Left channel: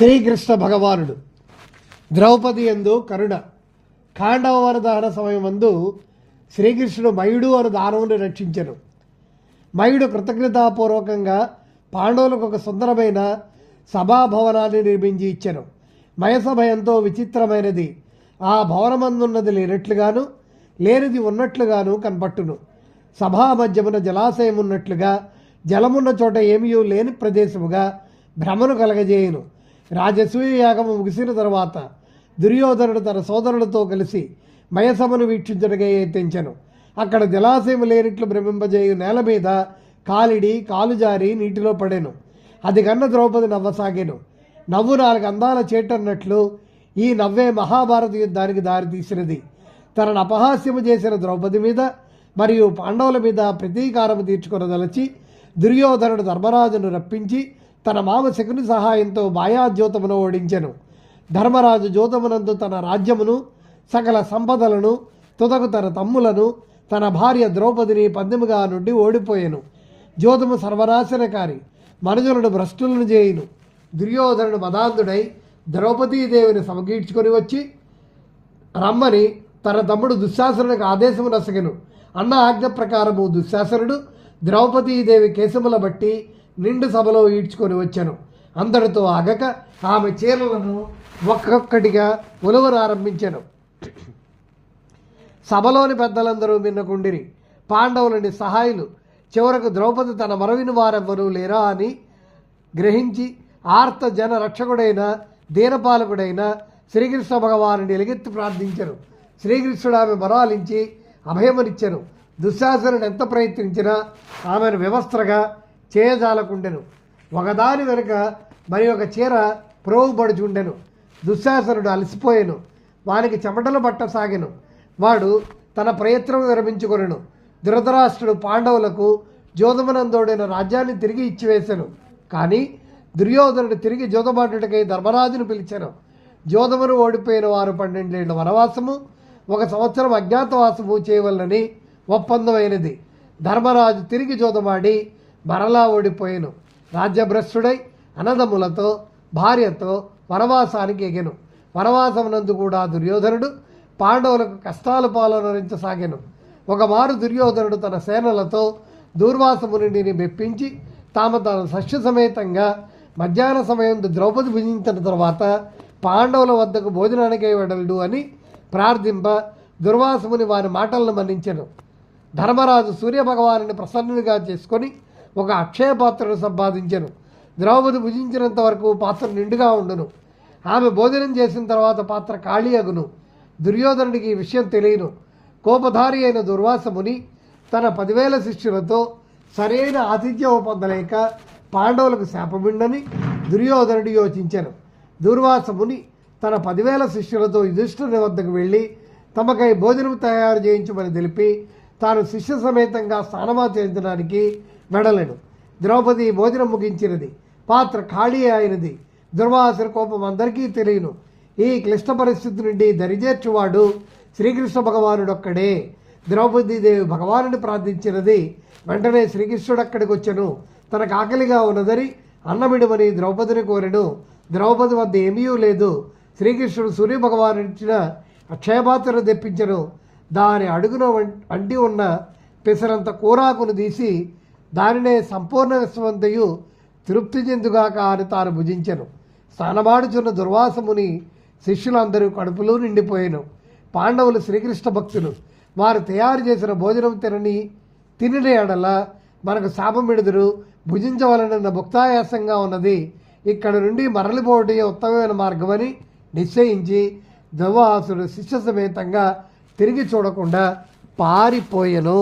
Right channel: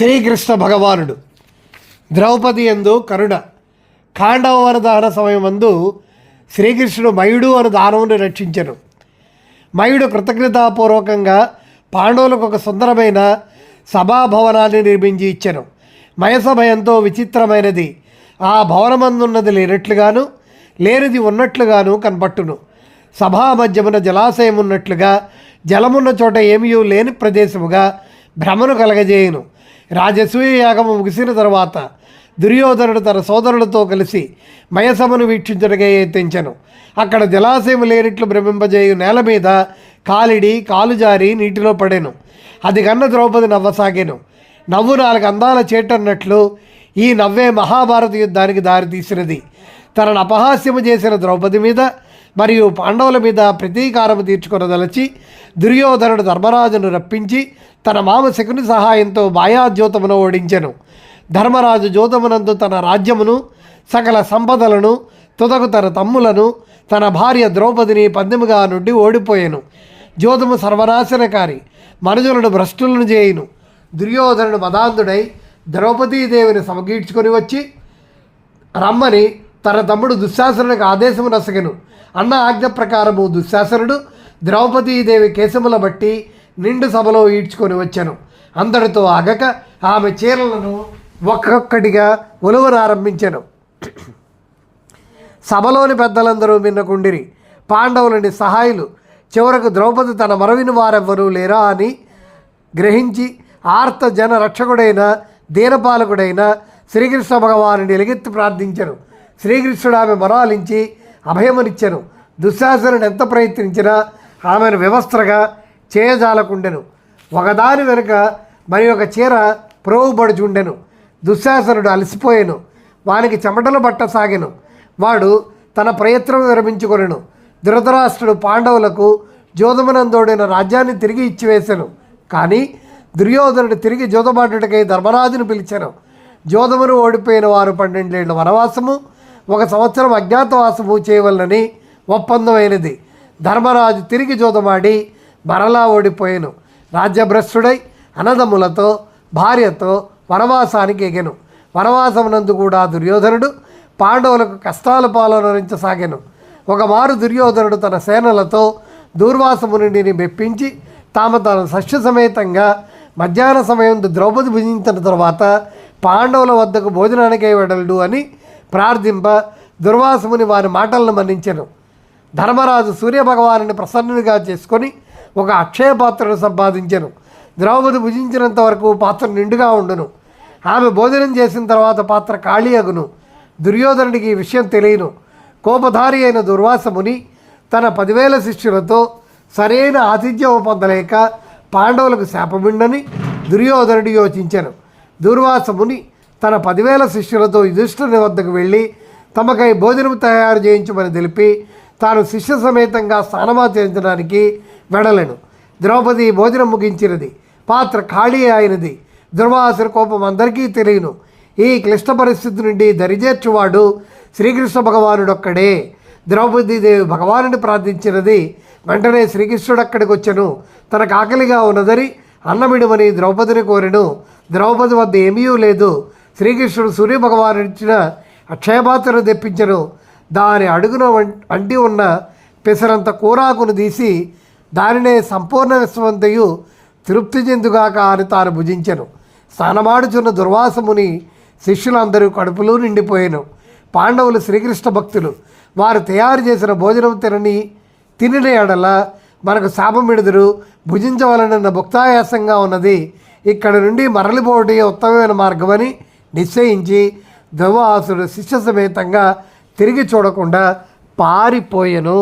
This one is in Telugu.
శ్రీకృష్ణ భగవానుడు. ద్రౌపది ఎందు కరుణ. ఖాండవ వరదాన సమయమందు శ్రీకృష్ణుడు మయుడు అను దానవుని రక్షించను. మయుడు కృతజ్ఞతాపూర్వకంగా పాండవులకు ఒక సుందరమైన సభాభవనాన్ని నిర్మించి ఇచ్చెను. మయసభ ఎంతో విచిత్రమైనది. ఆ భవనమందున్నది లేనట్లుగాను లేనిది ఉన్నట్లుగాను కనపట్టును. సభా మధ్యమున జలాశయం ఉన్నట్లుగా జలమున్న చోట ఏమీ లేని ప్రదేశముగా భ్రమను కలగజేయును. రాజసూయ యాగము ముగిసిన తర్వాత దుర్యోధనుడు తన సోదరులతో కలిసి మయసభను వీక్షించడగా యత్నించను. అక్కడ జలాశయం లేనిట్లు భ్రమింపజేయు నేల మీద కాలిడి కాలు జారి నీటిలో పడెను. అది కన్న ద్రౌపది నవ్వసాగాను. నవ్వు నాలుగు అందాల చేటన్నట్లు ఈ నవ్వే మహాభారత యుద్ధానికి దారితీసినది తనను అపహాస్యము చేసిన ద్రౌపది మీద మరియు పాండవుల మీద ప్రతీకారము తీర్చుకున్నదలచి దుర్యోధనుడు ధర్మరాజును రప్పించి తన మామ శకుని సహాయంతో మాయాజ్యోతమును ఓడించెను. ధర్మరాజు జ్యోతమునందు తన రాజ్యమును సకల సంపదలను తుదకు తన తమ్ములను తన భార్య ద్రౌపదిని పందెముగా నుండి ఓడిపోయాను. జ్యోతము సర్వనాశనకారి మనుజులను భ్రష్టులను చేయును దుర్యోధనుడు మదాంధుడై ద్రౌపదీదేవిని సమకీడ్చుకొని వచ్చి రమ్మని తన తమ్ముడు దుశ్శాసనుడికి ఆదేశము నసగను. అన్న ఆజ్ఞ ప్రకారము దుశ్శాసనుడు ద్రౌపదీదేవి కేశముల బట్టి నిండు సభలో ఈడ్చుకొని వచ్చాను. అందరితో ఆగక ఆమె చీరలను ఒక్కొక్కటిగా ఒలువనారంభించాను సభలోని పెద్దలందరూ మిన్నకుండిరి. పాండవులని సహాయులు. చివరకు ద్రౌపది తన మరవిని వారెవ్వరూ లేరా అని గ్రహించి ఆర్త జన రక్షకుడైన దీనపాలకుడైన శ్రీకృష్ణ భగవానుని ఎలుగెత్తి ప్రార్థించను. శ్రీకృష్ణుడు ఆమె మరాలించి అభయమునిచ్చెను. దుశ్శాసనుడు ఎంత ప్రయత్నించినా ఆమెను వ్యవస్థగా చేయజాలకుండెను ఒకదాని వెనుక మరి ఒక చీర ప్రోగుబడుచుండెను దుశ్శాసనుడు అలసిపోయాను. వానికి చెమటలు పట్టసాగాను. వాడు తన ప్రయత్నం విరమించుకొనెను. ధృతరాష్ట్రుడు పాండవులకు జోదమనందోడైన రాజ్యాన్ని తిరిగి ఇచ్చివేశాను కానీ దుర్యోధనుడు తిరిగి జోదమాటుడికై ధర్మరాజును పిలిచాను. జోదమును ఓడిపోయిన వారు పన్నెండేళ్ళ వనవాసము ఒక సంవత్సరం అజ్ఞాతవాసము చేయవలనని ఒప్పందమైనది. ధర్మరాజు తిరిగి జోదమాడి మరలా ఓడిపోయాను. రాజ్యభ్రష్టుడై అనదములతో భార్యతో వనవాసానికి ఎగెను. వనవాసమునందు కూడా దుర్యోధనుడు పాండవులకు కష్టాల పాలనరించసాగాను. ఒకమారు దుర్యోధనుడు తన సేనలతో దూర్వాసమునిని మెప్పించి తాము తన సస్య సమేతంగా మధ్యాహ్న సమయం ద్రౌపది భుజించిన తర్వాత పాండవుల వద్దకు భోజనానికే వెడలడు అని ప్రార్థింప దుర్వాసముని వారి మాటలను మన్నించెను. ధర్మరాజు సూర్యభగవాను ప్రసన్నునిగా చేసుకొని ఒక అక్షయ పాత్రను సంపాదించెను. ద్రౌపది భుజించినంత వరకు పాత్ర నిండుగా ఉండును. ఆమె భోజనం చేసిన తర్వాత పాత్ర ఖాళీ అగును. దుర్యోధనుడికి ఈ విషయం తెలియను. కోపధారి అయిన దుర్వాసముని తన పదివేల శిష్యులతో సరైన ఆతిథ్యం పొందలేక పాండవులకు శాపమిండని దుర్యోధనుడు యోచించాను. దుర్వాసముని తన పదివేల శిష్యులతో యుధిష్ఠుని వద్దకు వెళ్ళి తమకై భోజనం తయారు చేయించమని తెలిపి తాను శిష్య సమేతంగా స్నానమాచరించడానికి వెడలను. ద్రౌపది భోజనం ముగించినది. పాత్ర ఖాళీ అయినది. దుర్వాసుల కోపం అందరికీ తెలియను. ఈ క్లిష్ట పరిస్థితి నుండి దరిచేర్చువాడు శ్రీకృష్ణ భగవానుడొక్కడే. ద్రౌపది ద్రౌపదీదేవి భగవానుని ప్రార్థించినది. వెంటనే శ్రీకృష్ణుడు అక్కడికి వచ్చెను తనకు ఆకలిగా ఉన్నదని అన్నమిడమని ద్రౌపదిని కోరెను. ద్రౌపది వద్ద ఏమీ లేదు. శ్రీకృష్ణుడు సూర్యభగవాను ఇచ్చిన అక్షయపాత్రను తెప్పించను. దాని అడుగున వం- అంటి ఉన్న పెసరంత కూరాకును తీసి దానినే సంపూర్ణ విశ్వంతయు తృప్తి చెందుగాక అని తాను భుజించెను. స్నానమాడుచున్న దుర్వాసముని శిష్యులందరూ కడుపులో నిండిపోయాను. పాండవులు శ్రీకృష్ణ భక్తులు. వారు తయారు చేసిన భోజనం తినని తినిన ఎడల మనకు శాపమిడుదురు. భుజించవలనన్న భుక్తాయాసంగా ఉన్నది. ఇక్కడ నుండి మరలిపోవటే ఉత్తమమైన మార్గమని నిశ్చయించి దుర్వాసుడు శిష్య సమేతంగా తిరిగి చూడకుండా పారిపోయెను.